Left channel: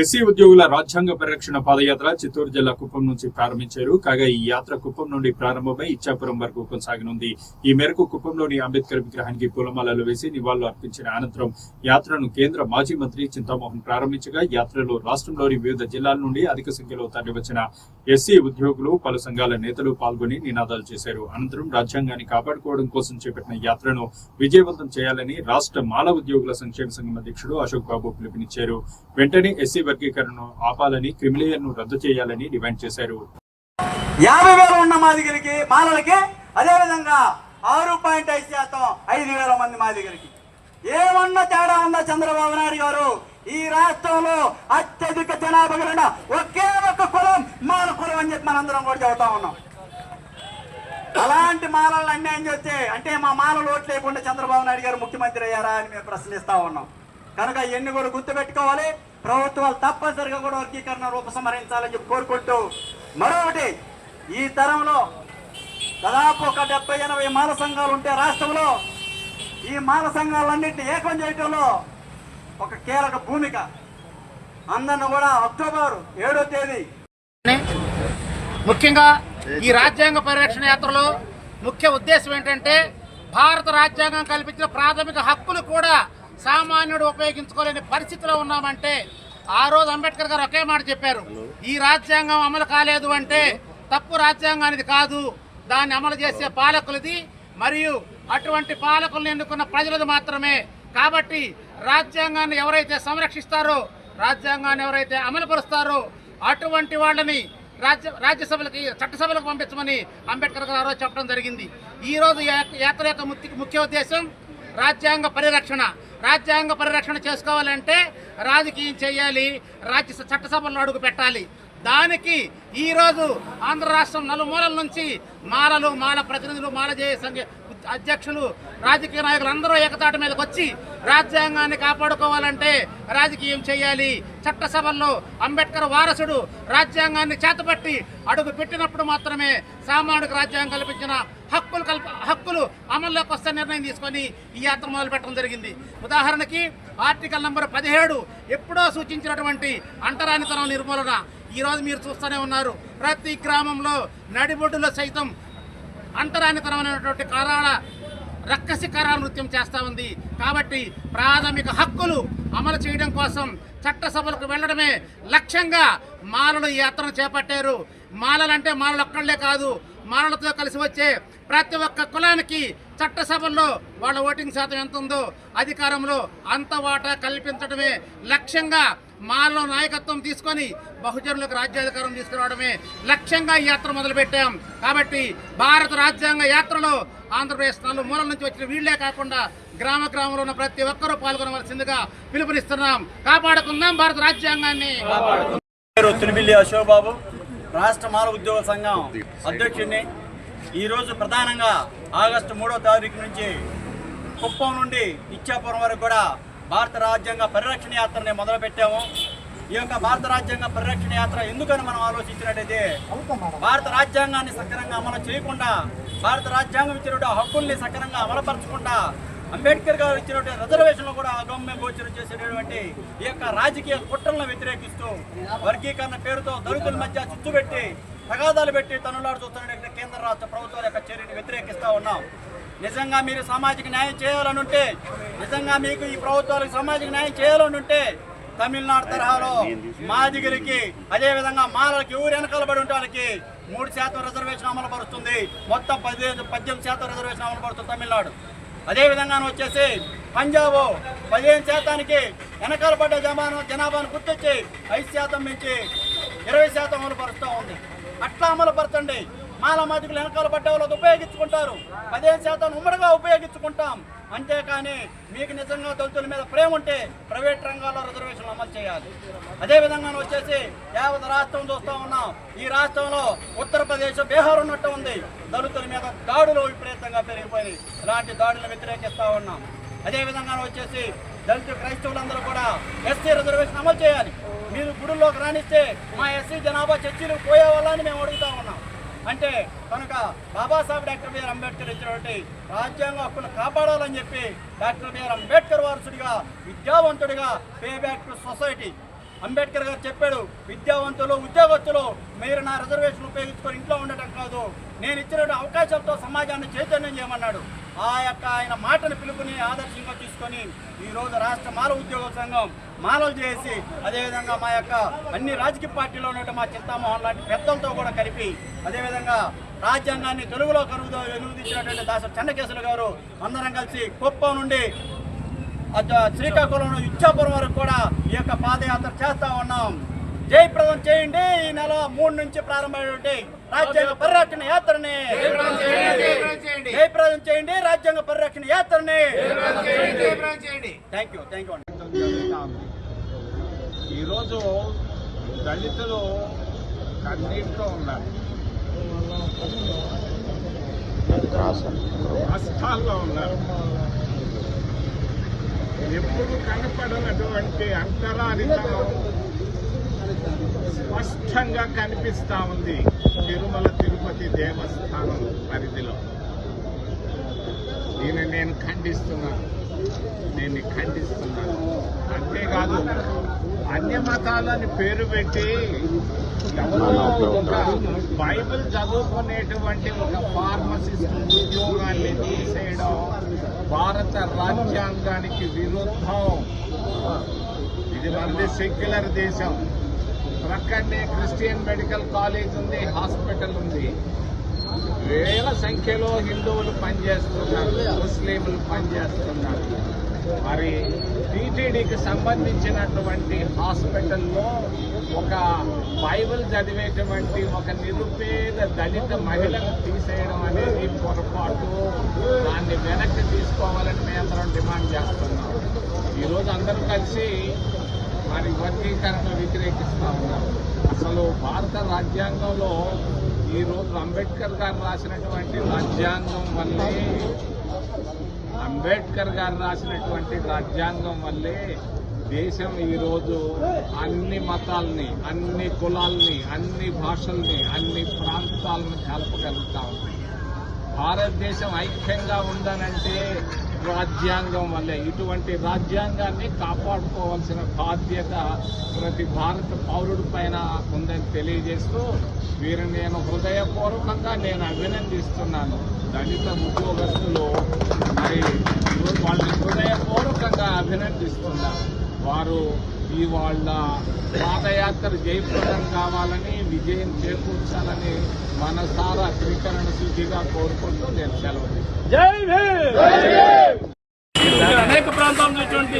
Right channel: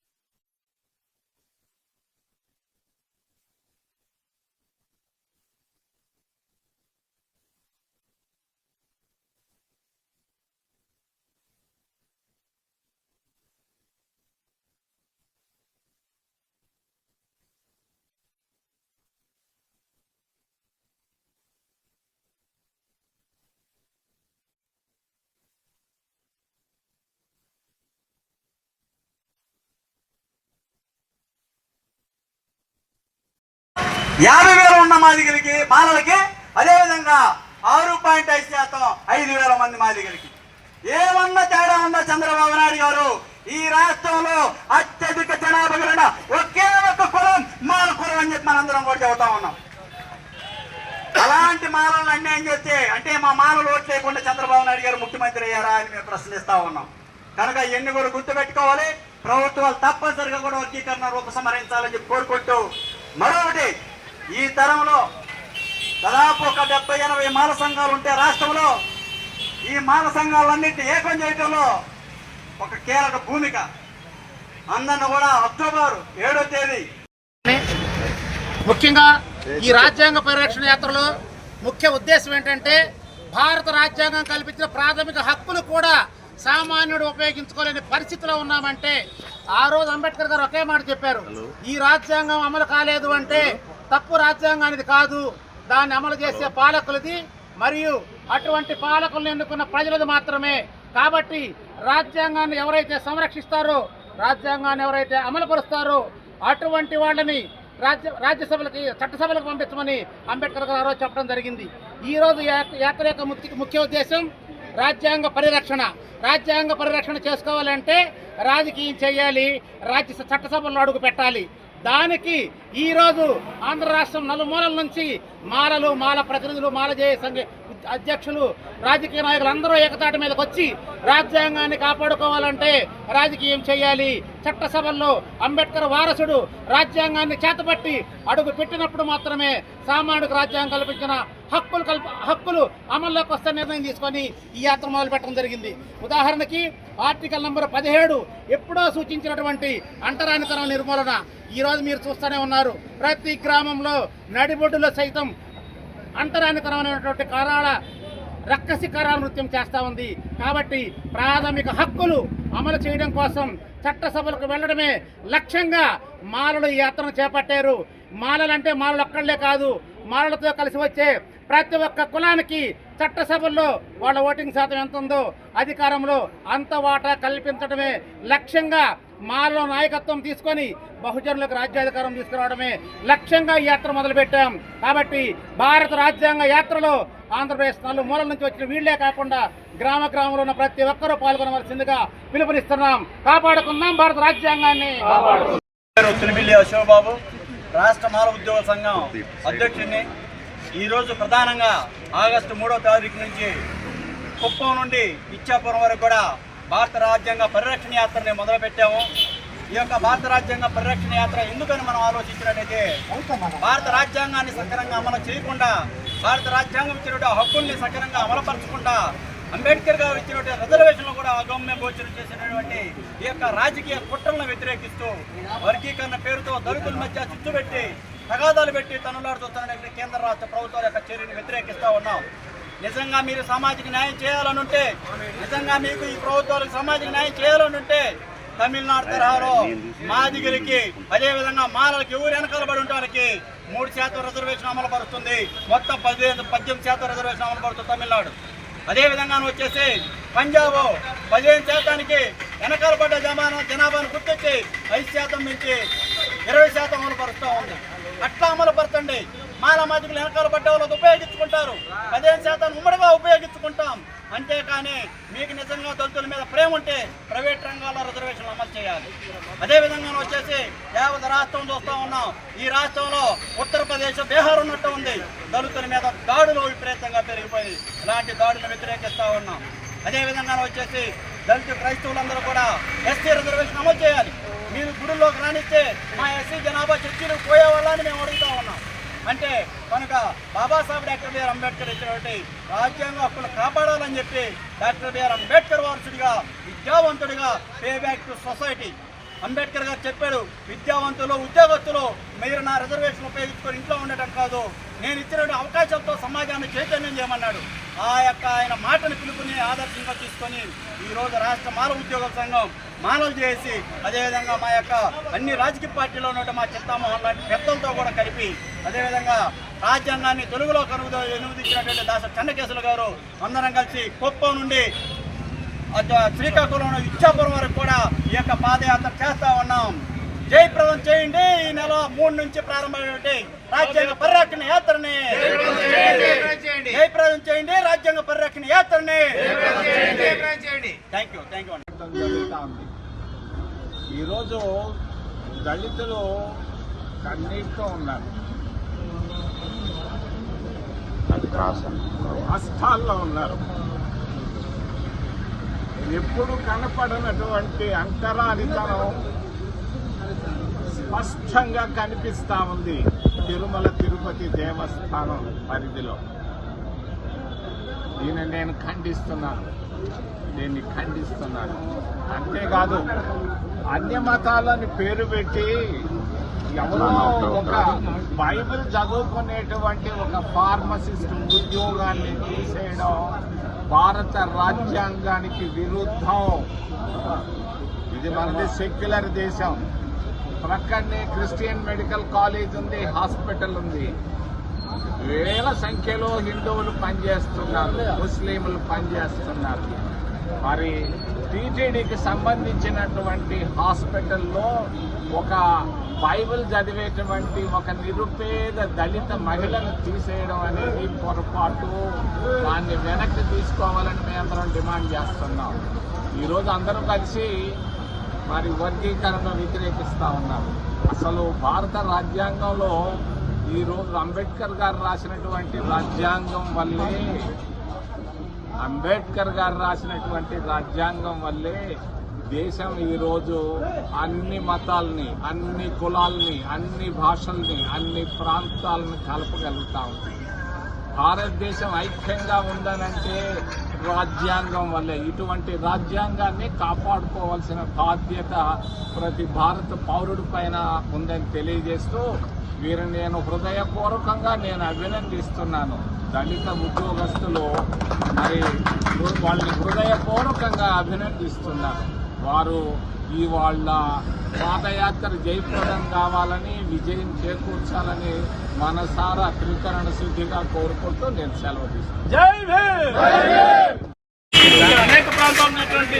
SC ఉద్యోగుల రాజ్యాంగ పరిరక్షణ పాదయాత్ర చిత్తూరు జిల్లా కుప్పం నుంచి ప్రారంభించారు. కాగా ఈ యాత్ర కుప్పం నుండి ప్రారంభమై ఇచ్చాపురం వరకు కొనసాగనుంది. ఈ మేరకు కుప్పంలోని అంబేద్కర్ విగ్రహానికి పూలమాలలు వేసి నివాళులు అర్పించిన అనంతరం యాత్రను కేంద్ర మాజీ మంత్రి చింతామోహన్ ప్రారంభించగా యాత్రలో రాష్ట్రంలోని వివిధ జిల్లాల నుండి అధిక సంఖ్యలో తరలివచ్చిన ఎస్సీ ఉద్యోగులు, పలు సంఘాల నేతలు పాల్గొని నినాదాలు చేశారు. అనంతరం రాజ్యాంగాన్ని కాపాడుకోవడం కోసం చేపట్టిన యాత్రను విజయవంతం చేయాలని రాష్ట్ర మాల ఉద్యోగుల సంక్షేమ సంఘం అధ్యక్షుడు అశోక్ బాబు పిలుపునిచ్చారు. వెంటనే ఎస్సీ వర్గీకరణను ఆపాలని, క్రిమిలేయర్ను రద్దు చేయాలని డిమాండ్ చేశారు. 50,000 ఉన్న మాదిగలకి మాలలకి అదేవిధంగా 6.5% 5,000 మంది మాదిగలకి ఏమన్నా తేడా ఉందా? చంద్రబాబు నాయుడు గారు ఈ రాష్ట్రంలో అత్యధిక జనాభా కలిగిన ఒకే ఒక కులం మాల కులం అని చెప్పి మనందరం కూడా చెబుతా ఉన్నాం. అలాంటి మాలలను అన్యాయం చేస్తే అంటే మా మాలలు ఓట్లు లేకుండా చంద్రబాబు నాయుడు గారు ముఖ్యమంత్రి అయ్యారా అని మేము ప్రశ్నిస్తా ఉన్నాం. కనుక ఇవన్నీ కూడా గుర్తుపెట్టుకోవాలి. ప్రభుత్వాలు తప్పనిసరిగా కూడా వర్గీకరణ రూపసంహరించాలని చెప్పి కోరుకుంటూ, మరొకటి ఈ తరంలో దాదాపు ఒక 70-80 మాల సంఘాలు ఉంటే రాష్ట్రంలో ఈ మాల సంఘాలన్నింటినీ ఏకం చేయడంలో ఒక కీలక భూమిక. అందరిని కూడా అక్టోబర్ 7వ తేదీ ముఖ్యంగా ఈ రాజ్యాంగ పరిరక్షణ యాత్రలో ముఖ్య ఉద్దేశం ఏంటంటే భారత రాజ్యాంగం కల్పించిన ప్రాథమిక హక్కులు కూడా సామాన్యుడు ఉపయోగించుకోలేని పరిస్థితిలో ఉన్నామంటే ఆ రోజు అంబేద్కర్ గారు ఒకే మాట చెప్పారు, ఈ రాజ్యాంగం అమలు కాలేదు అంటే తప్పు రాజ్యాంగానికి కాదు, దాన్ని అమలు చేసే పాలకులది మరియు అటువంటి పాలకులను ఎన్నుకున్న ప్రజలది మాత్రమే. కాబట్టి రాజ్యాంగాన్ని ఎవరైతే సంరక్షిస్తారో, రాజ్యాంగాన్ని ఎవరైతే అమలుపరుస్తారో అటువంటి వాళ్ళని రాజ్యసభలకి, చట్టసభలకు పంపించమని అంబేద్కర్ గారు ఆ రోజు చెప్పడం జరిగింది. ఈ రోజు యాత్ర యొక్క ముఖ్య ఉద్దేశం రాజ్యాంగ పరిరక్షణ. రాజ్యాంగ పరిరక్షణ చేసుకోవాలంటే రాజకీయం చేయాలి, చట్టసభల్లో అడుగు పెట్టాలి. దానికి ఈరోజు ఆంధ్ర రాష్ట్రం నలుమూలల నుంచి మాలలు, మాల ప్రతినిధులు, మాల జేఏ సంఘ అధ్యక్షులు, రాజకీయ నాయకులు అందరూ ఏకతాటి మీదకి వచ్చి రాజ్యాంగాన్ని కాపాడుకోవాలంటే రాజకీయం చేయాలి. చట్టసభల్లో అంబేద్కర్ వారసుడు రాజ్యాంగాన్ని చేతపట్టి అడుగు పెట్టినప్పుడు మాత్రమే సామాన్యుడికి రాజ్యాంగం కల్పించిన హక్కులు అమల్లోకి వస్తే నిర్ణయం తీసుకొని ఈ యాత్ర మొదలు పెట్టడం జరిగింది. ఉదాహరణకి ఆర్టికల్ నంబర్ 17 ఎప్పుడో సూచించినటువంటి అంటరానితనం నిర్మూలన ఈరోజు మీరు చూస్తూనే ఉన్నారు. ప్రతి గ్రామంలో నడిబొడ్డులో సైతం అంటరానితనమైనటువంటి కారాల రక్కసి కారాల నృత్యం చేస్తూ ఉంది. కాబట్టి ప్రాథమిక హక్కులు అమలు చేయడం కోసం చట్టసభలకు వెళ్లడమే లక్ష్యంగా మాలలు ఈ యాత్రను చేపట్టారు. మాలలంటే మాలలు ఒక్కళ్లే కాదు, మాలలతో కలిసి వచ్చే ప్రతి ఒక్క కులానికి చట్టసభల్లో వాళ్ళ ఓటింగ్ శాతం ఎంత ఉందో అధికారంలో అంత వాటా కల్పించడమే లక్ష్యంగా మాలో నాయకత్వం తీసుకొని బహుజనులకు రాజ్యాధికారం తీసుకురావడమే లక్ష్యంగా ఈ యాత్ర మొదలుపెట్టాం. కాబట్టి భారత రాజ్యాంగ యాత్రలో ఆంధ్రప్రదేశ్ నలుమూలల నుంచి వచ్చిన వీళ్లే కాకుండా గ్రామంలో ఉన్న ప్రతి ఒక్కరూ పాల్గొనవలసిందిగా పిలుపునిస్తున్నాం. కాపాడుకుందాం భారత రాజ్యాంగాన్ని. అశోక్ బాబు, రాష్ట్ర మాల ఉద్యోగ సంఘం అధ్యక్షుడిని. ఈరోజు ప్రధానంగా ఆగస్టు 3వ తారీఖు నుంచి కుప్పం నుండి ఇచ్చాపురం వరకు కూడా భారత రాజ్యాంగ పరిరక్షణ యాత్రని మొదలుపెట్టాము. ఈ యొక్క భారత రాజ్యాంగ పరిరక్షణ యాత్ర ఎందుకని మనం ఆలోచించినట్టయితే భారత రాజ్యాంగాన్ని సక్రమంగా అమలు చేయకుండా, భారత రాజ్యాంగం ఇచ్చినటువంటి హక్కుల్ని సక్రమంగా అమలుపరచకుండా, అంబేద్కర్ గారు ఇచ్చినటువంటి రిజర్వేషన్లు కూడా అగమ్య గోచరం చేసినటువంటి ఈ యొక్క రాజకీయ కుట్రలను వ్యతిరేకిస్తూ వర్గీకరణ పేరుతో దళితుల మధ్య చిచ్చు పెట్టి తగాదాలు పెట్టి తనులాడు చూస్తున్న కేంద్ర రాష్ట్ర ప్రభుత్వాల యొక్క చర్యను వ్యతిరేకిస్తూ ఉన్నాం. నిజంగా మీరు సామాజిక న్యాయం చేయాలనుంటే, నిజంగా మీకు ఈ ప్రభుత్వాలకు సామాజిక న్యాయం చేయాలనుంటే తమిళనాడు తరహాలో మాదిగరికి అదేవిధంగా మాలలకి ఊరు వెనకాలబడి ఉండడానికి 3% రిజర్వేషన్ అమలు పరుస్తుంది. మొత్తం 18% రిజర్వేషన్ అమలు పడుతుంది తమిళనాడు. అదేవిధంగా వచ్చేసి పంజాబ్ 15% వెనకాల పడ్డ జనాభాను గుర్తొచ్చి 5% నుంచి 20% అమలు పరుస్తూ ఉంది. అట్లా అమలు పరచండి. మాల మాదిగలు వెనకాల పడ్డ వాళ్ళకి ఉపయోగించుకుంటారు, 15% ఉమ్మడిగా ఉపయోగించుకుంటాం. అంతేకాని మీకు నిజంగా దళితుల మీద ప్రేమ ఉంటే ప్రైవేట్ రంగాల్లో రిజర్వేషన్లు అమలు చేయాలి. అదేవిధంగా వచ్చేసి యావత్ రాష్ట్రం చూస్తూ ఉన్నాం. ఈ రాష్ట్రంలో ఉత్తరప్రదేశ్, బీహార్ ఉన్నట్టు ఉంది. దళితుల మీద దాడులు విపరీతంగా పెరిగిపోయి ఇలాంటి దాడులను వ్యతిరేకిస్తూ ఉన్నాం. అదేవిధంగా వచ్చేసి దళిత క్రైస్తవులందరూ కూడా ఎస్సీ రిజర్వేషన్ అమలు చేయాలి. మీరు గుడిలోకి రానిస్తే మా ఎస్సీ జనాభా చర్చలకు పోయే వాళ్ళని మేము అడుగుతా ఉన్నాం. అంటే కనుక బాబాసాహెబ్ డాక్టర్ బిఆర్ అంబేద్కర్ ఇచ్చినటువంటి రాజ్యాంగ హక్కులు కాపాడాలని చెప్పి డాక్టర్ బిఆర్ అంబేద్కర్ వారసుడిగా, విద్యావంతుడిగా, pay back to society Ambedkar గారు చెప్పాడు, విద్యావంతులు ఉద్యోగస్తులు మీరు నా రిజర్వేషన్ ఉపయోగించుకొని ఇంట్లో ఉండటం కాదు, నేను ఇచ్చిన అవకాశాలతో సమాజాన్ని చైతన్యం చేయమన్నాడు. ఆ యొక్క ఆయన మాటను పిలుపుని ఆదర్శంగా తీసుకొని ఈరోజు రాష్ట్ర మానవ ఉద్యోగ సంఘం మానవ చేసి, అదేవిధంగా మా యొక్క అన్ని రాజకీయ పార్టీలో ఉన్న మా చింతామోహన్ లాంటి పెద్దలతో కూడా కలిపి, అదేవిధంగా రాజ్యాంగాన్ని తెలుగులో అనువదించినటువంటి దాసరి చెన్నకేశవులు గారు అందరం కలిసి కుప్పం నుండి శ్రీకాకుళం ఇచ్చాపురం వరకు కూడా ఈ యొక్క పాదయాత్ర చేస్తా ఉన్నాం. జయప్రదం చేయండి. ఈ నెల 3 నుంచి ప్రారంభమైనటువంటి రాజ్యాంగ పరిరక్షణ యాత్రని జయప్రదం చేయండి. రాజ్యాంగ పరిరక్షణ యాత్రని థ్యాంక్ యూ ఈరోజు దళితులు కన్నీటితో ఉన్నారు, కష్టాల్లో ఉన్నారు. ఎప్పుడు కనపడనటువంటి అంతరానితనం స్పష్టంగా కనిపిస్తా ఉంది తిరుమల తిరుపతి దేవస్థానం పరిధిలో. దీన్ని ఖండిస్తున్నాను. అంతేకాదు, అన్య మతాలని పేరు పెట్టి ఎవరో ఒక బైబిల్ చదువుకునేటువంటి ఒక ఫార్మసిస్ట్ ఉద్యోగాన్ని తీసేయడం భారత రాజ్యాంగానికి విరుద్ధం. ఇది మనది సెక్యులర్ దేశం. ప్రక్కనే క్రిస్టియన్ మెడికల్ కాలేజ్ ఉంది, హాస్పిటల్ ఉంది. వేల సంఖ్యలో హిందువులు పనిచేస్తున్నారు, ముస్లింలు పనిచేస్తున్నారు. మరి టీటీడీకి సంబంధించినటువంటి హాస్పిటల్లో ఒక బైబిల్ చదివేటువంటి ఒక నిరుపేద దళిత మహిళను తీసేయడం అనేది పొరపాటు. దాన్ని వెనక్కి తీసుకోవాలని మేమందరం డిమాండ్ చేస్తున్నాం. ఈరోజు అందరూ కలిసి మరి వర్గీకరణను వ్యతిరేకిస్తా ఉన్నారు. అసలు భారత రాజ్యాంగంలో ఈరోజు అంబేద్కర్ గారు రాసినటువంటి రాజ్యాంగం వల్లే దేశం ఈరోజు అన్ని మతాల్ని, అన్ని కులాల్ని, అన్ని భాషల్ని, అన్ని ప్రాంతాలను కలపగలుగుతా ఉంది. భారతదేశం ఐక్యంగా ఉందనంటే రాజ్యాంగం వల్లే. ఇటువంటి రాజ్యాంగాన్ని కాపాడుకోవాల్సిన బాధ్యత ప్రతి భారత పౌరుడి పైన ఉందని తెలియజేస్తూ వీరిని నేను హృదయపూర్వకంగా అభినందిస్తున్నాను. దళిత ఉద్యోగస్తులు మరి వాళ్ళని హృదయపూర్వకంగా అభినందిస్తున్నాను. వారు వాళ్ళ పాదయాత్ర జయప్రదం కావాలని, విజయం చేకూర్చాలని మనసారా త్రికరణ శుద్ధిగా కోరుకుంటూ నేను సెలవు తీసుకుంటాను. అనేక ప్రాంతాల ఉన్నటువంటి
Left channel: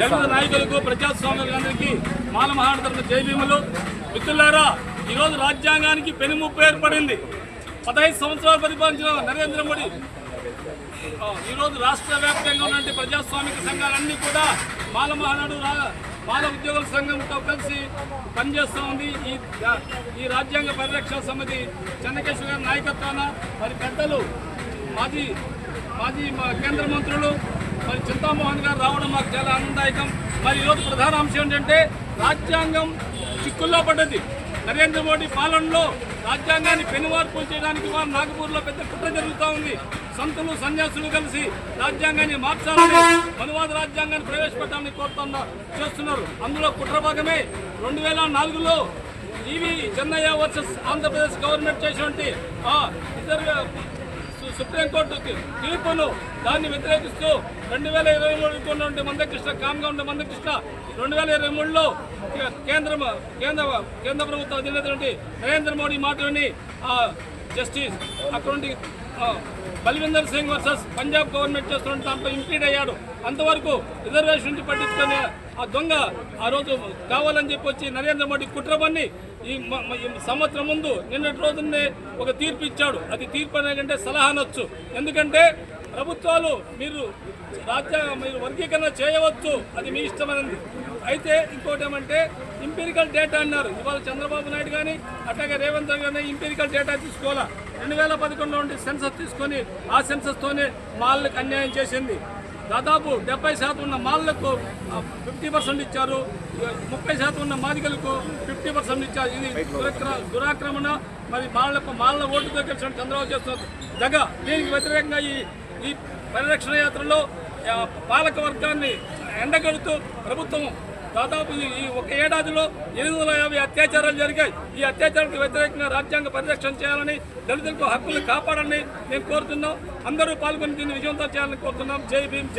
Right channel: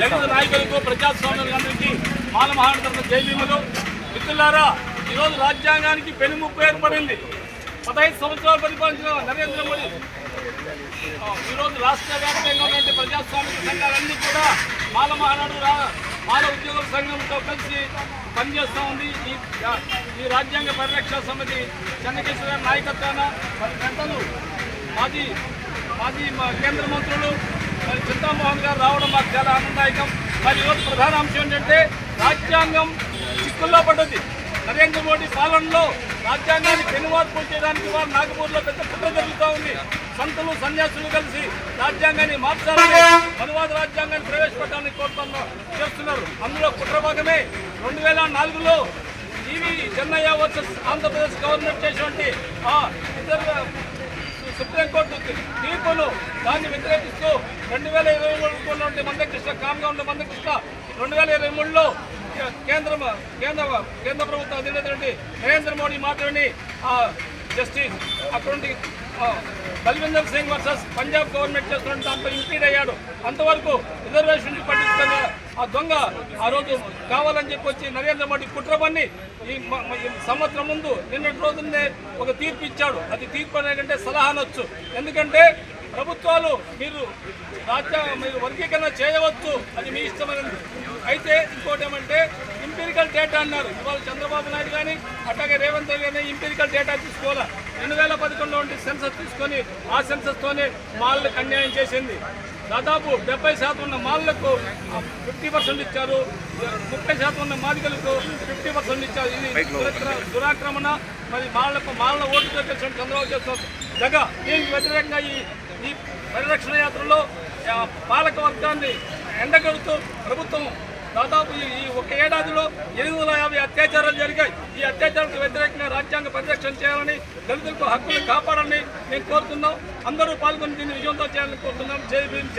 దళిత నాయకులకు, ప్రజాస్వామ్యులందరికీ మాల మహానాడు తరఫున జై భీములు. మిత్రులారా, ఈరోజు రాజ్యాంగానికి పెనుముప్పు ఏర్పడింది. 15 సంవత్సరాలు పరిపాలించిన నరేంద్ర మోడీ ఈరోజు రాష్ట్ర వ్యాప్తంగా ఉన్నటువంటి ప్రజాస్వామిక సంఘాలన్నీ కూడా మాల మహానాడు, మాల ఉద్యోగుల సంఘంతో కలిసి పనిచేస్తూ ఉంది. ఈ రాజ్యాంగ పరిరక్షణ సమితి చెన్నకేశ్వర గారి నాయకత్వాన మరి పెద్దలు మాజీ కేంద్ర మంత్రులు మరి చింతామోహన్ గారు రావడం మాకు చాలా ఆనందదాయకం. మరి ఈరోజు ప్రధాన అంశం ఏంటంటే రాజ్యాంగం చిక్కుల్లో పడ్డది. నరేంద్ర మోడీ పాలనలో రాజ్యాంగాన్ని పెనుమార్పులు చేయడానికి వారు నాగపూర్లో పెద్ద కుట్ర జరుగుతూ ఉంది. సంతులు, సన్యాసులు కలిసి రాజ్యాంగాన్ని మార్చాలని, మనువాద రాజ్యాంగాన్ని ప్రవేశపెట్టాలని చేస్తున్నారు. అందులో కుట్ర భాగమే 2004లో ఈవి చెన్నయ్య వర్సెస్ ఆంధ్రప్రదేశ్ గవర్నమెంట్ చేసినటువంటి సుప్రీంకోర్టు తీర్పును దాన్ని వ్యతిరేకిస్తూ 2023 ఉన్నటువంటి మందకృష్ణ, కామ్గా ఉండే మందకృష్ణ 2023లో కేంద్ర ప్రభుత్వ అధినేత నరేంద్ర మోడీ మాటని జస్టిస్ అటువంటి బల్విందర్ సింగ్ వర్సెస్ పంజాబ్ గవర్నమెంట్ చేస్తున్న దాంట్లో ఇంప్లీడ్ అయ్యాడు. అంతవరకు రిజర్వేషన్ నుంచి పట్టించుకొని ఆ దొంగ ఆ రోజు కావాలని చెప్పి వచ్చి నరేంద్ర మోడీ కుట్రబన్ని ఈ సంవత్సరం ముందు నిన్నటి రోజునే ఒక తీర్పు ఇచ్చాడు. అది తీర్పు అనేకంటే సలహా అనొచ్చు. ఎందుకంటే ప్రభుత్వాలు మీరు వర్గీకరణ చేయవచ్చు, అది మీ ఇష్టమైనది. అయితే ఇంకోటి ఏమంటే ఇంపీరికల్ డేటా అన్నారు. ఇవాళ చంద్రబాబు నాయుడు కానీ అట్లాగే రేవంత్ రెడ్డి కానీ ఇంపీరికల్ డేటా తీసుకోవాలా. 2011లో ఉండి సెన్సస్ తీసుకొని ఆ సెన్సస్తోనే మాళ్ళకు అన్యాయం చేసింది. దాదాపు 70% ఉన్న మాళ్ళకు 50% ఇచ్చారు, 30% ఉన్న మాదిగలకు 50% ఇచ్చారు. ఇది దురాక్రమణ. మరి మాళ్ళ ఓటుతో తెలిసిన చంద్రబాబు చేస్తున్నారు జగ. దీనికి వ్యతిరేకంగా ఈ పరిరక్షణ యాత్రలో పాలక వర్గాన్ని ఎండగడుతూ ప్రభుత్వం దాదాపు ఈ ఒక ఏడాదిలో 850 అత్యాచారాలు జరిగాయి. ఈ అత్యాచారాలకు వ్యతిరేకంగా రాజ్యాంగ పరిరక్షణ చేయాలని, దళితులకు హక్కులు కాపాడాలని మేము కోరుతున్నాం. అందరూ పాల్గొని దీన్ని విజయవంతం చేయాలని కోరుతున్నాం. జై భీమ్.